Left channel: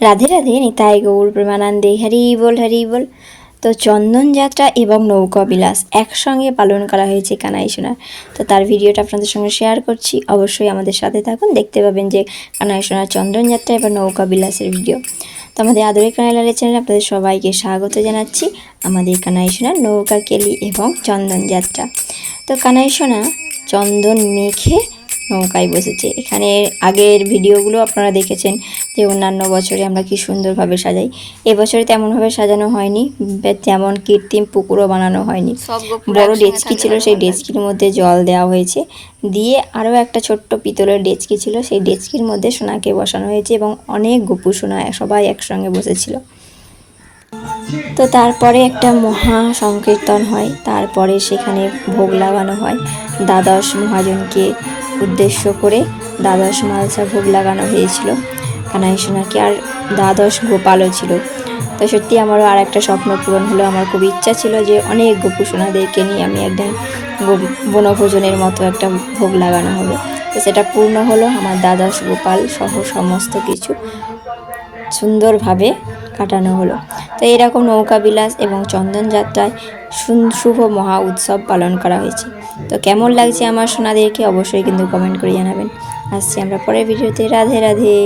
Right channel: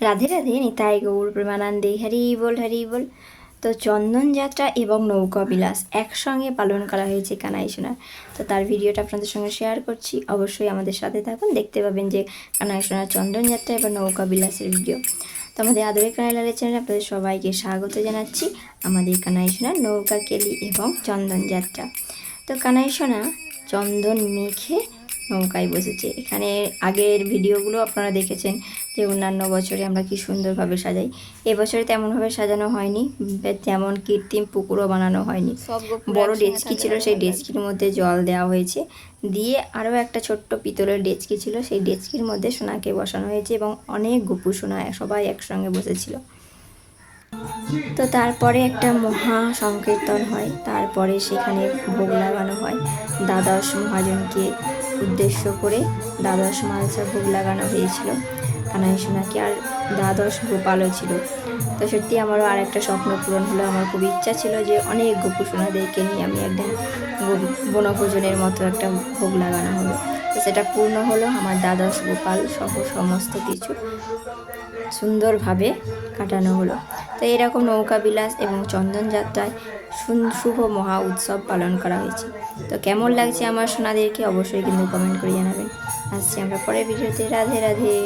রাধে রাধে, নিতাই গৌর, প্রেমানন্দে, হরি বল হরি বল। তো চন্দন যাত্রা এবং নৌকা বিলাস একসঙ্গে পালন করা হয়েছে কানাই সোনার। তো তার ভিডিওটা আপনাদের সঙ্গে শেয়ার করছি। অবশ্যই আমাদের সাথে থাকুন। দেখতে পাবেন যে কানাই সোনার চন্দন যাত্রা এবং নৌকা বিলাসের ভিডিও। তো আমাদের আদরের কানাই লালের চ্যানেলে আপনাদের সবাইকে স্বাগত জানাচ্ছি। আমাদের কানাই সোনার নৌকা কেলি এবং চন্দন যাত্রা। তো কানাই সোনা, চন্দন মেখে নৌকায় বসেছে। এখানে আগের ভিডিওগুলো আপনারা দেখেছেন যে অন্যান্য বছরে আমরা কি সুন্দরভাবে সাজাই। এবছরে তেমনভাবে সাজানো হয়নি তেমন কৃত্রিম পুকুরও বানানো হয়নি। বড় ডেচকি ছিল সেই ডেচকির মধ্যে জল দেওয়া হয়েছে। দিয়ে আরও একটা ছোট্ট পিতলের ডেচকি ছিল সেই ডেচকির মধ্যে সোনাকে বসানো হয়েছে এবং অনেক গপু সোনা সবাই একসঙ্গে বসেছিল। তো তারপরে একটা মহা সংকীর্তন হয় তারপরে সেখানে ভোগ লাগানো হয়। দ্বাদশ মহাজনকে উদ্দেশ্য করে দ্বাদশ মালসা ভোগ লাগানো হয়েছিল। কানাই সোনাকে আর দ্বাদশ গোপালও ছিল। তো সত্যি আমারও আর একটা স্বপ্ন পূরণ হলো। আমার খুব ইচ্ছা ছিল যে অনেক গোপু সোনাদেরকে নিয়ে আমি একদিন বনভোজনের মতো একটা ভোগ লাগানো হবে। তো সেটা পূর্ণ হলো। আমার দ্বাদশ গোপাল সহ সমস্ত কিছু সুন্দরভাবে কাটানো হলো। তো এরকম নৌকা বিলাস এবং চন্দন যাত্রায় শুভ মহা উৎসব পালন করা হয়েছে। তো কেমন লাগছে আমার সোনাদেরকে অবশ্যই কিন্তু কমেন্ট করে জানাবেন। আসছি আমরা পরের ভিডিওতে। রাধে রাধে।